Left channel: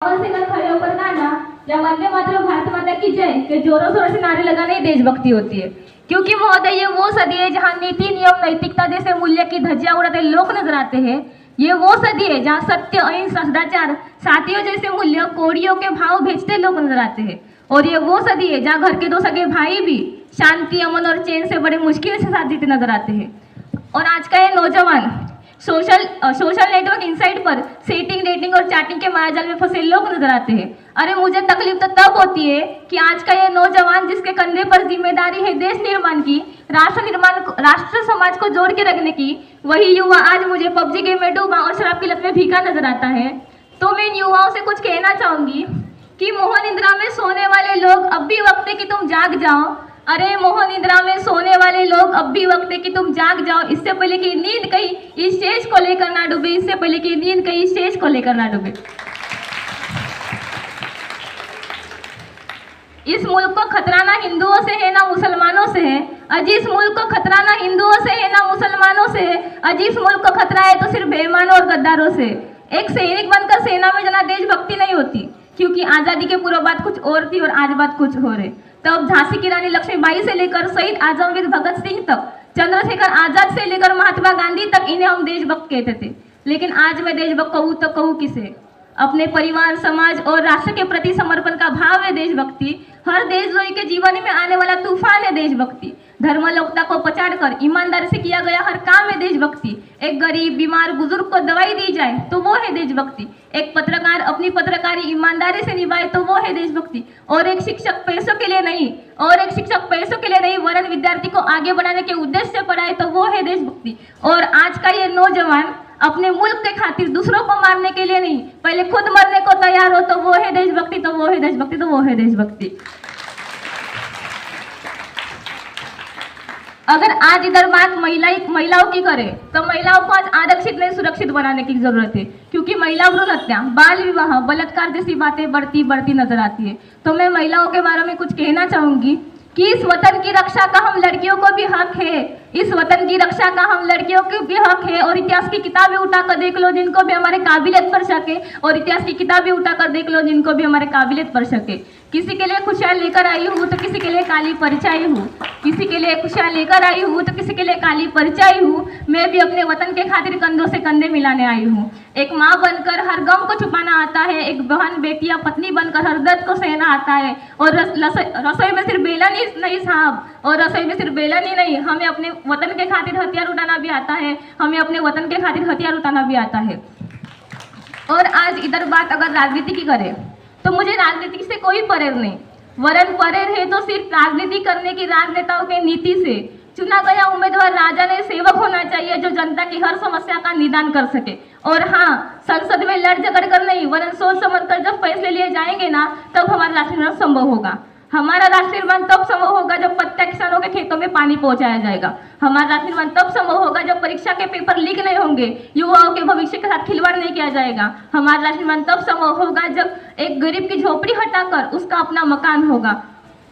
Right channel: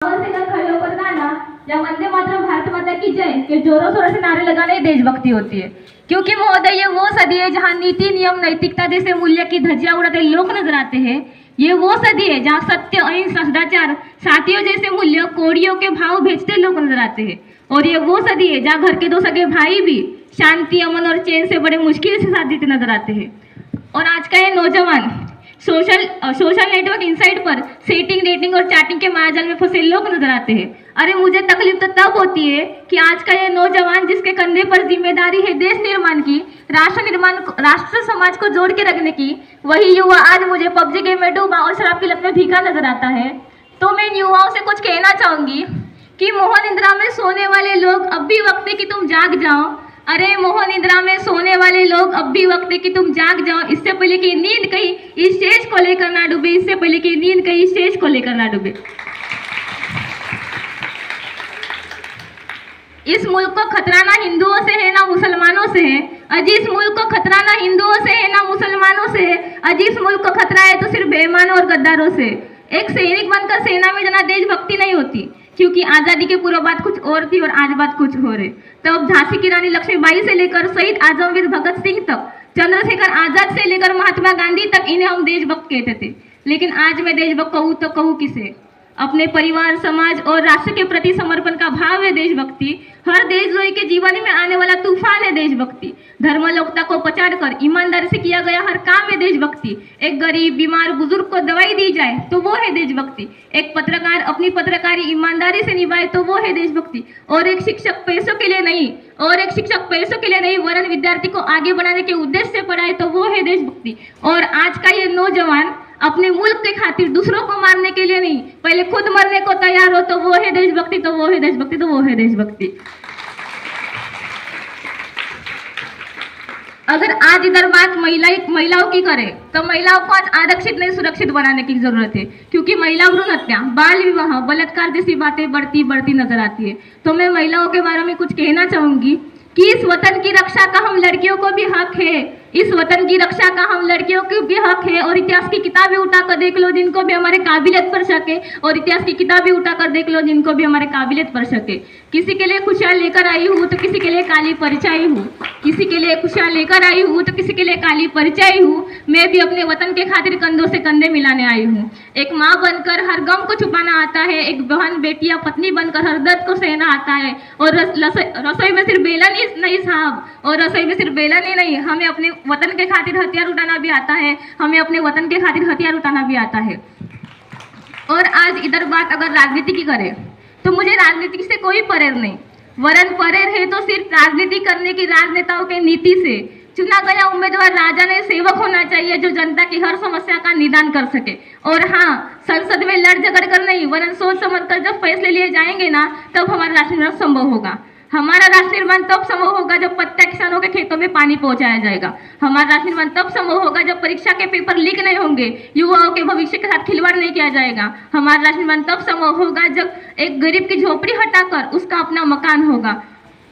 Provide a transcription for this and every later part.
से कल खड़े होकर गाना या वंदे मातरम भारत माता की जय के जोरों शोरों से नारे लगाना ही देशभक्ति होती है। क्योंकि महोदय ये वो सदी है जहाँ नीति नियम नैतिकता जैसे मूल्य की धज्जियां उड़ाते लोग नजर आते हैं। ये वो सदी है जहाँ सत्य अहिंसा सदाचार साथियों जैसे मूल्य कोड़ियों के भाव भेजते लोग नजर आते हैं। और ये वो सदी है जहाँ घर के दो सगे भाई भी शांति अमन और चैन से बड़े मुश्किल से साथ देते नजर आते हैं। और आज का ये नौजवान सोशल नेटवर्क इनसाइट पर सेटिंग डेटिंग और चैटिंग के मायाजाल में फंसे लोग नजर आते हैं। अरे मुझे तकलीफ तो तब होती है कि आज का ये नौजवान जिसके कंधे पर जिम्मेदारी है देश निर्माण की, राष्ट्र समाज को जोड़ के रखने की, वही युवा आज मुझे पबजी गेम में डूबा और शराब की लत में भीगा नजर आता है। तो मैं इन युवाओं से कुछ कहना चाहूंगी कि मोह निद्रा में सोने वाले लोग अब भी वक्त है कि तुम जाग जाओ। अरे मोह निद्रा में सोने वाले लोग अब भी वक्त है कि तुम जाग जाओ। इससे पहले कि नींद कहीं इस स्टेज को लेकर ना डूबे, इससे पहले कि नींद कहीं इस स्टेज को लेकर ना डूबे। इस मुल्क को खतरा ना हिंदुओं से है ना मुसलमानों से है। अजी इस मुल्क को खतरा ना हिंदुओं से है ना मुसलमानों से है। अजी इस मुल्क को खतरा है तो सिर्फ बेईमानों और गद्दारों से। एक सैनिक बनकर सेना में जाना देशभक्ति नहीं होती, क्योंकि आज़ादी के पूर्व बात कुछ और थी और आज बात कुछ और है। तब झांसी की रानी लक्ष्मीबाई से लेकर शहीद आजमवीर भगत सिंह तक, चंद्रशेखर आजाद से लेकर महात्मा गांधी तक इन्हें हम देशभक्त कहते थे। लेकिन आज मैं देशभक्त कहूँ तो कहूँ किसे? अपने परिवार समाज और राष्ट्र के प्रति समर्पण का भाव है देशभक्ति। हर देशद्रोही के जीवन में आने वाला तूफान है देशभक्ति। धर्मलोकता को पछाड़कर ईमानदारी से किया गया हर काम है देशभक्ति। एक गरीब बीमार बुजुर्ग को दवाई दी जाए तो वो है देशभक्ति। एक पत्रकार अपनी पत्रकारी ईमानदारी से निभाए तो वो है देशभक्ति। और एक शिक्षक पैसों के लिए नहीं वरन विद्यार्थी को आगे बढ़ाने के उद्देश्य से पढ़ाए तो वो है देशभक्ति। और आज का ये नौजवान अपने मुल्क के खातिर दूसरों को मारने के लिए नहीं, पहले खुद मरने को तैयार हो तो वो है देशभक्ति, तो वो है देशभक्ति, तो वो है देशभक्ति। अगर आज इधर बात महिलाओं की करें तो महिलाओं को आज आरक्षित नहीं सुरक्षित बनाने की जरूरत है, क्योंकि महिला भ्रूण हत्या, बाल विवाह, बलात्कार जैसी बातें बढ़ती नजर आती है। तो मैं महिलाओं के बारे में कुछ कहना चाहूंगी कि इस वतन की रक्षा का हम लड़कियों को भी हक है। इस वतन की रक्षा का हम लड़कियों को भी हक है। और इतिहास की किताबें उठाकर देख लो जिनको भी हमारे काबिलियत पर शक है, और इतिहास की किताबें उठाकर देख लो जिनको भी हमारे काबिलियत पर शक है। किसी के लिए खुशियाँ लेकर आई हूँ तो किसी के लिए काली परछाई हूँ, किसी के लिए खुशियाँ लेकर आई हूँ तो किसी के लिए काली परछाई हूँ। मैं भी अपने वतन के खातिर कंधों से कंधे मिलाने आई हूँ। एक माँ बनकर हर गम को छुपाना आता है, एक बहन बेटी या पत्नी बनकर हर दर्द को सहना आता है। और रसोई में सिर्फ बेलन ही नहीं साहब, और रसोई में सिर्फ बेलन ही नहीं, हमें अपने वतन के खातिर हथियार उठाना भी आता है। हमें अपने वतन के खातिर हथियार उठाना भी आता है। और आज इधर बात अगर राजनीति की करें तो मुझे राजनीति से कोई परहेज नहीं, वरन परहेज है तो सिर्फ राजनीति करने की राजनेताओं के नीति से। चुना गया उम्मीदवार राजा ने सेवक होना चाहिए जो जनता की हर समस्या का निदान कर सके। और हाँ, संसद में लड़ झगड़ कर नहीं वरन सोच समझ कर जब फैसले लिए जाएंगे ना तब हमारा राष्ट्र निर्माण संभव होगा। हमारा राष्ट्र निर्माण तब संभव होगा जब प्रत्येक किसानों के खेतों में पानी पहुंचाया जाएगा। हमारा राष्ट्र निर्माण तब संभव होगा जब परीक्षा के पेपर लीक नहीं होंगे, युवाओं के भविष्य के साथ खिलवाड़ नहीं किया जाएगा। हमारा राष्ट्र निर्माण तब संभव होगा जब एक गरीब की झोपड़ी हटाकर उसका अपना मकान होगा।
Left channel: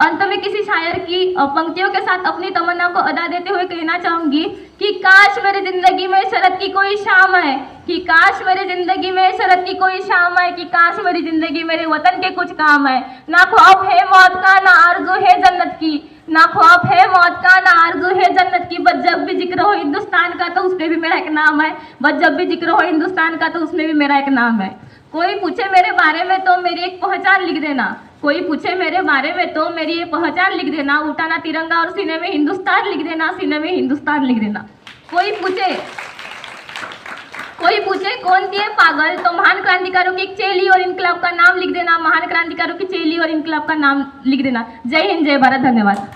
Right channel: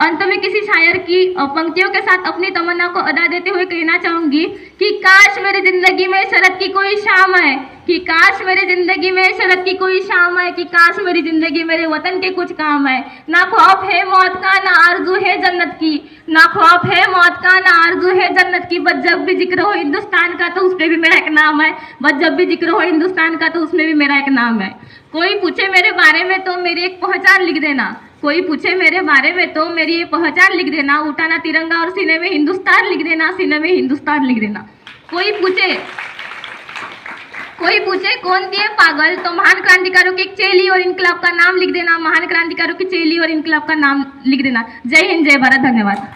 अंत में किसी शायर की पंक्तियों के साथ अपनी तमन्ना को अदा देते हुए कहना चाहूंगी कि काश मेरी जिंदगी में शरद की कोई शाम है, कि काश मेरी जिंदगी में शरद की कोई शाम है, कि काश मेरी जिंदगी मेरे वतन के कुछ काम है। ना ख्वाब है मौत का ना आरज़ू है जन्नत की, ना ख्वाब है मौत का ना आरज़ू है जन्नत की, बस जब भी जिक्र हो हिंदुस्तान का तो उसमें भी मेरा एक नाम है, बस जब भी जिक्र हो हिंदुस्तान का तो उसमें भी मेरा एक नाम है। कोई पूछे मेरे बारे में तो मेरी एक पहचान लिख देना, कोई पूछे मेरे बारे में तो मेरी ये पहचान लिख देना। उठाना तिरंगा और सीने में हिंदुस्तान लिख देना, सीने में हिंदुस्तान लिख देना। कोई पूछे कौन थी ये पागल तो महान क्रांतिकारों की एक चेली और इनकलाब का नाम लिख देना, महान क्रांतिकारों की चेली और इनकलाब का नाम लिख देना। जय हिंद, जय भारत, धन्यवाद।